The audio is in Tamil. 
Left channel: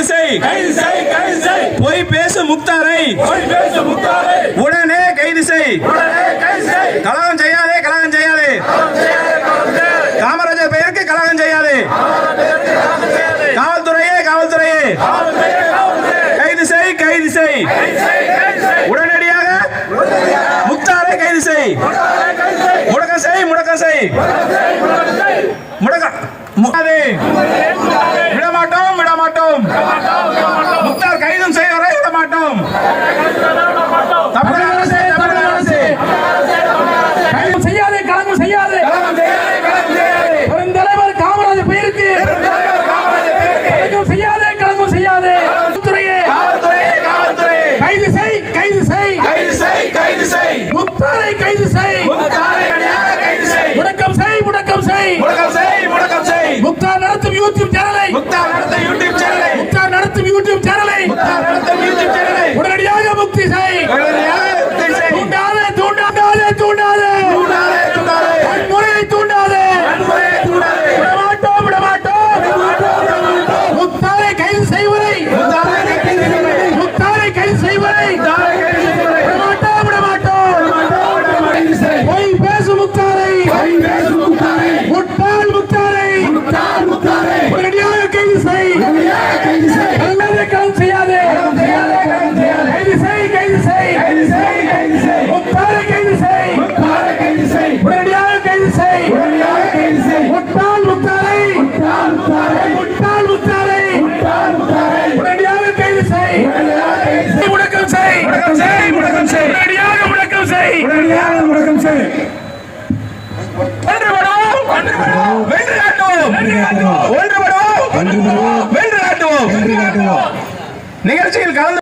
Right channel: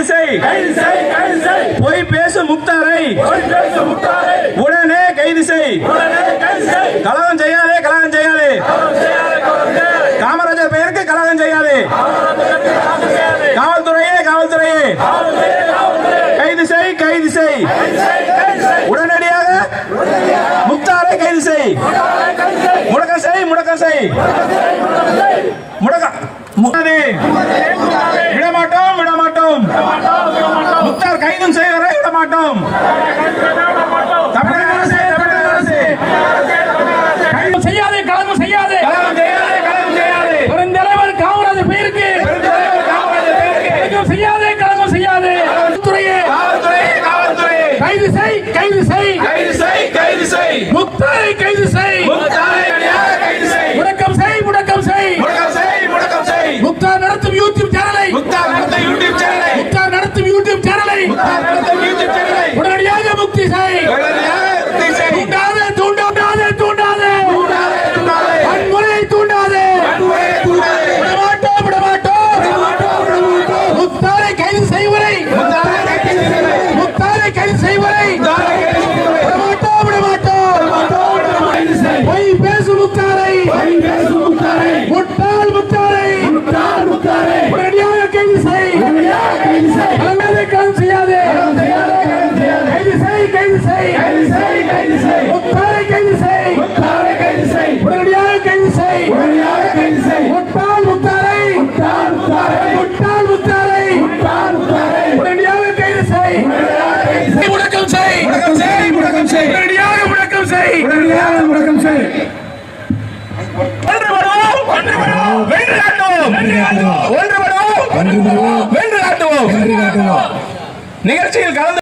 கைது செய். பொய் பேசு முக்தாரை உடனே கைது செய். கலகம் செய்யாதே, கலகம் செய்யாதே. காமராஜர் பெயருக்கு கலகம் செய்யாதே. காவல்துறையே, காவல்துறையே கைது செய், கைது செய். உடனடியாக முக்தாரை கைது செய். முடக்கம் செய், முடக்கம் செய். விடமாட்டோம், விடமாட்டோம். முக்தார் கைதும் செய்வரை விடமாட்டோம். தமிழக அரசு, தமிழக அரசு கைது செய்யாதே, கலகம் செய்யாதே. பெருந்தலைவர் காமராஜர் பெயருக்கு கலகம் செய்யாதே, கலகம் செய்யாதே. கைது செய், கைது செய். கைது செய். முக்தாரை கைது செய். முடக்கம் செய், முடக்கம் செய். முக்தார் நடத்தும் யூடியூப் சேனலை உடனடியாக முக்தி செய். தூண்டாதே, தூண்டாதே, தூண்டாதே. வன்முறையை தூண்டாதே. விடமாட்டோம், விடமாட்டோம். முக்தாரை கைது செய்வரை விடமாட்டோம், விடமாட்டோம். பொய் பேசு முக்தாரை, முட்டாள் முக்தாரை உடனடியாக கைது செய். கலகம் செய்யாதே. கைது செய், கைது செய். முக்தாரை கைது செய். உடனடியாக கைது செய். முட்டாள் முக்தாரை உடனடியாக கைது செய். முடக்கம் செய், உடனடியாக முடக்கம் செய். நிகழ்ச்சியில் கலந்து